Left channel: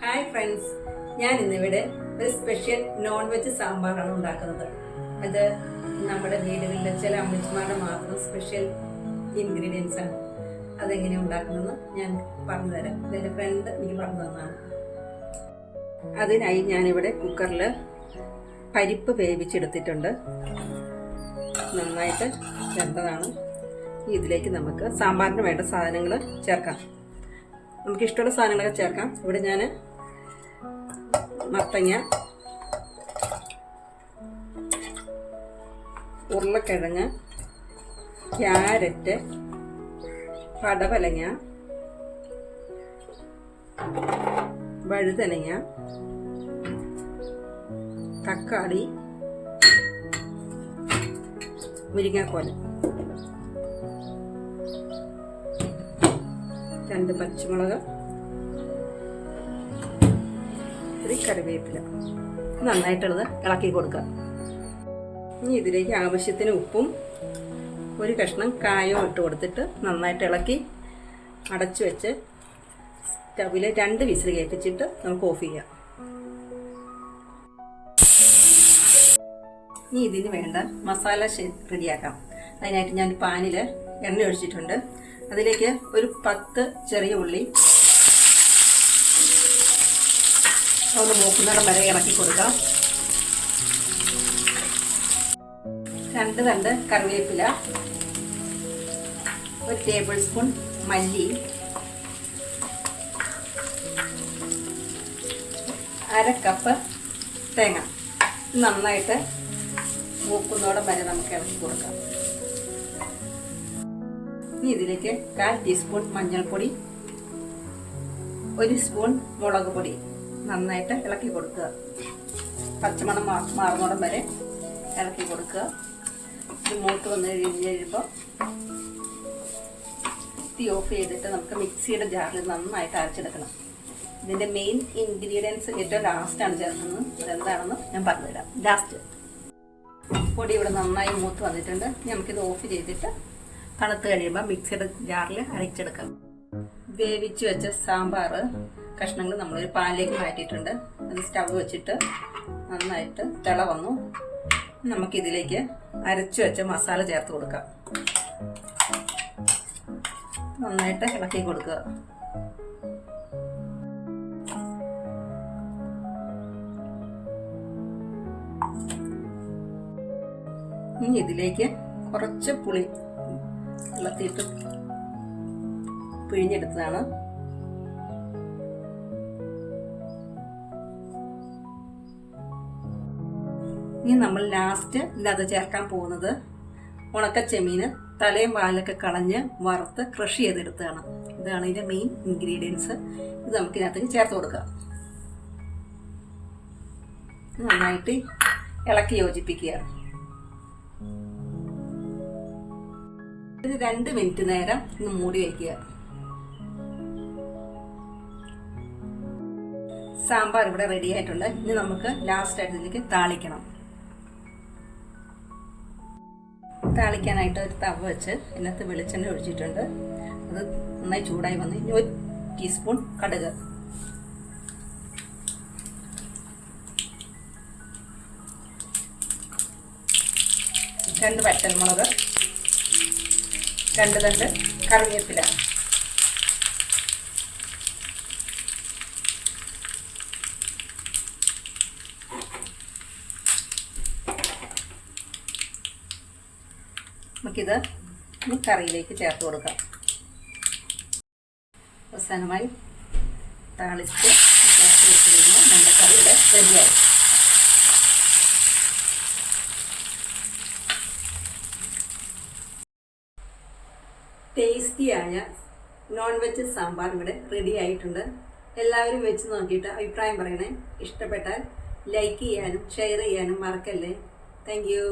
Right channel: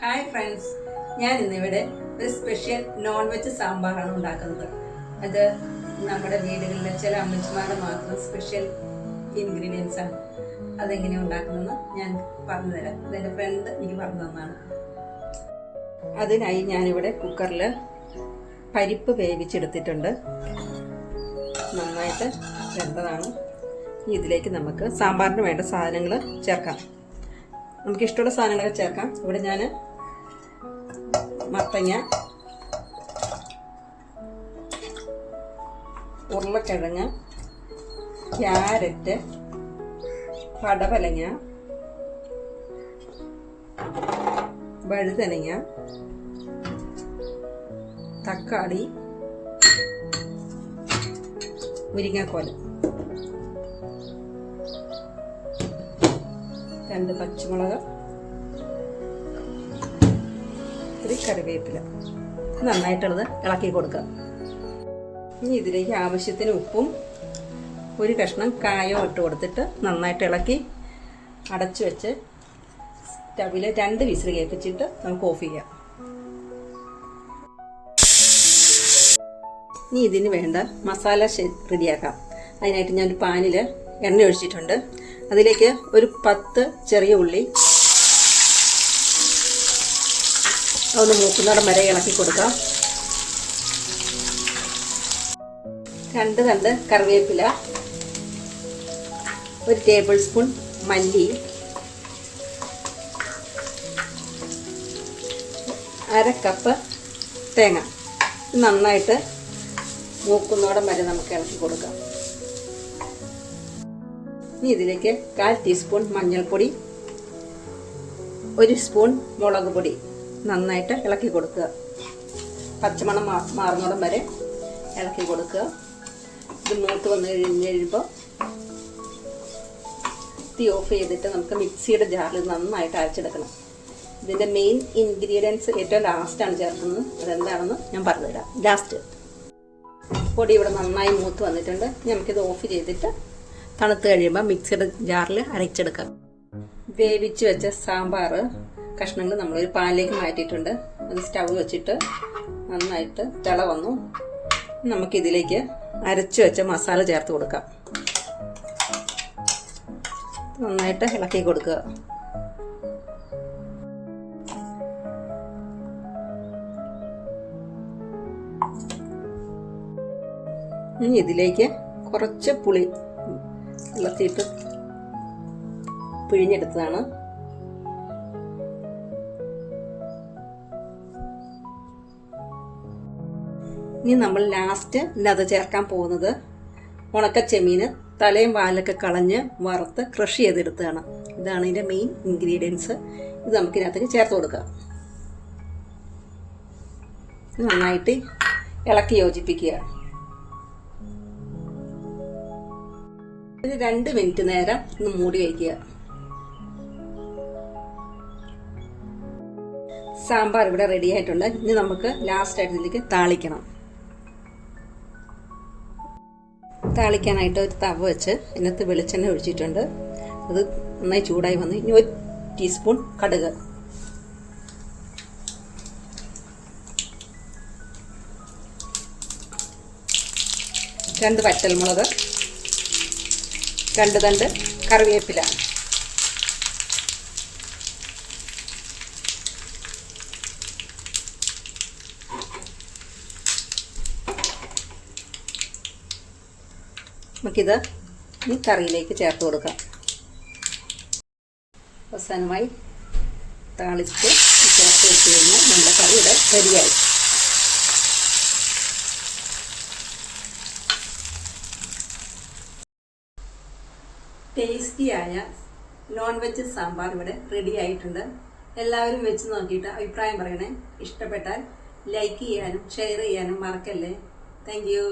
Hi friends, ഞാൻ ഇന്നിവിടെ ഒരു സ്പെഷ്യൽ നോൺ വെജ് സാമ്പാറാണ് ഉണ്ടാക്കുന്നത്. അത് നമ്മുടെ വീടുകളിലെ ചില അമ്മച്ചിമാരുടെ മാത്രം സ്പെഷ്യൽ ഇൻഗ്രീഡിയൻസ് ആണ്. അതെങ്ങനെയാണ് ഉണ്ടാക്കുന്നതെന്ന് ഞാൻ പറഞ്ഞു തരാം. ഇതെൻ്റെ ഫ്രണ്ട് എനിക്ക് പറഞ്ഞു തന്നതാണ്. അതിനായി ഞാനിവിടെ കുക്കറിൽ പരിപ്പ് വേവിച്ചെടുത്തിട്ടുണ്ട്. നന്നായിട്ട് വെന്തതാണ്. ഇതിലേക്ക് നമുക്ക് സാമ്പാറിന് വേണ്ട സാധനങ്ങൾ ചേർക്കാം. നമുക്ക് ഇഷ്ടമുള്ള സാധനങ്ങളൊക്കെ ചേർക്കാം. ഇവിടെ ഞാൻ മത്തങ്ങ, ഉരുളക്കിഴങ്ങ്, ക്യാരറ്റ്, പടവലങ്ങ, വഴുതനങ്ങ, തക്കാളി, മുരിങ്ങാക്കോല്, 2 പച്ചമുളക്, കറിവേപ്പില. നന്നായിട്ടുള്ളത് ഇളക്കി കൊടുക്കുക. ഇനി ഇതിലേക്ക് ആവശ്യത്തിന് ഉപ്പും 1 കഷ്ണം കായോ ഇട്ട് കൊടുത്തിട്ട് നന്നായിട്ട് ഇളക്കി അടച്ചു വെച്ച് സ്റ്റവിൽ 2 വിസിൽ കേൾപ്പിച്ചിട്ട് നമുക്ക് ഓഫ് ചെയ്യാം. ഇനി ഇതിന് വേണ്ട മസാല റെഡിയാക്കാം. അതിനായിട്ട് ഞാൻ പാനിൽ എണ്ണ ഒഴിച്ചിട്ടുണ്ട്. അതിലേക്ക് ഒരു 10 ചെറിയ ഉള്ളി ഒന്ന് മൂക്കുന്നിടം വരെ ഇളക്കി കൊടുക്കാം. 2 തണ്ട് കറിവേപ്പില, 1 ടേബിൾ സ്പൂൺ മല്ലി, 1/2 കപ്പ് തേങ്ങ. നന്നായിട്ട് മൂക്കുന്നിടം വരെ നമുക്ക് ഇളക്കി കൊടുക്കാം. ഇനി ഇതിലേക്ക് 1/4 ടീസ്പൂൺ മഞ്ഞൾപ്പൊടി, 1 സ്പൂൺ മുളക് പൊടി നന്നായിട്ട് ഇളക്കി കൊടുക്കുക. പച്ചമണം മാറുന്നോടം വരെ ഇളക്കി കൊടുക്കുക. ഇത് മൂത്ത് വന്ന് കഴിയുമ്പോൾ തീ ഓഫ് ചെയ്തിട്ട് നമുക്ക് മിക്സിയുടെ ജാറിൽ നന്നായിട്ട് അരച്ചെടുക്കണം. ഇതിൻ്റെ മെയിൻ ഇൻഗ്രീഡിയൻസ് ഏറ്റവും ലാസ്റ്റാണ് ചേർക്കുന്നത്. അതെന്താണെന്ന് ഞാൻ പറഞ്ഞുതരാം. ലാസ്റ്റ് പൊടി ഇവിടെ നന്നായി മൂത്ത് വന്നിട്ടുണ്ട്. നമുക്കിത് ഓഫ് ചെയ്തിട്ട് തണുത്ത് കഴിയുമ്പോൾ മിക്സിയുടെ ജാറിൽ അരച്ചെടുക്കാം. വേവിച്ച് വെച്ച സാമ്പാർ കഷ്ണങ്ങൾ നമ്മളൊരു പാനിലേക്ക് മാറ്റിയിട്ടുണ്ട്. അത് സ്റ്റവ് വെച്ചിട്ട് നന്നായിട്ട് തിള വന്നു. നമുക്കിതിലേക്ക് അരച്ചു വെച്ച മസാല ചേർത്ത് കൊടുക്കാം. നന്നായിട്ട് ഇളക്കി കൊടുക്കുക. ഇനി ഇതിലേക്ക് കുറച്ച് പുളി വെള്ളത്തിയിട്ട് പിഴിഞ്ഞെടുത്തതാണ്. ഇനി നമ്മൾ ലാസ്റ്റ് ഇതിനകത്ത് ചേർക്കാൻ പോകുന്നത് ഉണക്കച്ചെമ്മീന് തലയും വാലൊക്കെ കളഞ്ഞ് വറുത്ത് ക്രഷ് ചെയ്തെടുത്തതാണ്. ഇതാണ് ഇതിൻ്റെ മെയിൻ ഇൻഗ്രീഡിയൻസ്. ഇത് നമുക്കിതിനകത്തേക്ക് ചേർത്ത് കൊടുക്കാം. നന്നായിട്ട് ഇളക്കി യോജിപ്പിക്കുക. ഇത് 2 മിനിറ്റ് നേരം ഒന്ന് മൂടി വയ്ക്കുക. സാമ്പാർ ഇവിടെ റെഡി ആയിട്ടുണ്ട്. ഇനി നമുക്ക് ലാസ്റ്റ് ആയിട്ട് ഇതിലേക്ക് താളിക്കണം. താളിക്കാനായിട്ട് ഒരു തവ വെച്ച് ഇതിനകത്ത് വെളിച്ചെണ്ണ ഒഴിച്ചിട്ടുണ്ട്. അത് നന്നായി ചൂടായി വന്ന് ഇനി 1 ടീസ്പൂൺ കടുക്, 2 വറ്റൽമുളക്, 2 തണ്ട് കറിവേപ്പില, നമുക്കിത് ഈ കറിയിലേക്ക് ചേർത്ത് കൊടുക്കാം. അവസാനമായി താളിച്ച് ചേർത്ത് വെച്ച് കഴിഞ്ഞാൽ നമ്മുടെ കറി ഇവിടെ റെഡിയായി. ടേസ്റ്റിയായ നോൺ വെജ് സാമ്പാർ ഇവിടെ റെഡി ആയിട്ടുണ്ട്. എല്ലാവരും വെച്ച് നോക്കിയിട്ട് അഭിപ്രായം പറയണേ. ഇഷ്ടപ്പെട്ടാൽ ലൈക്ക് ചെയ്യാനും ഷെയർ ചെയ്യാനും മറക്കല്ലേ. Thank you.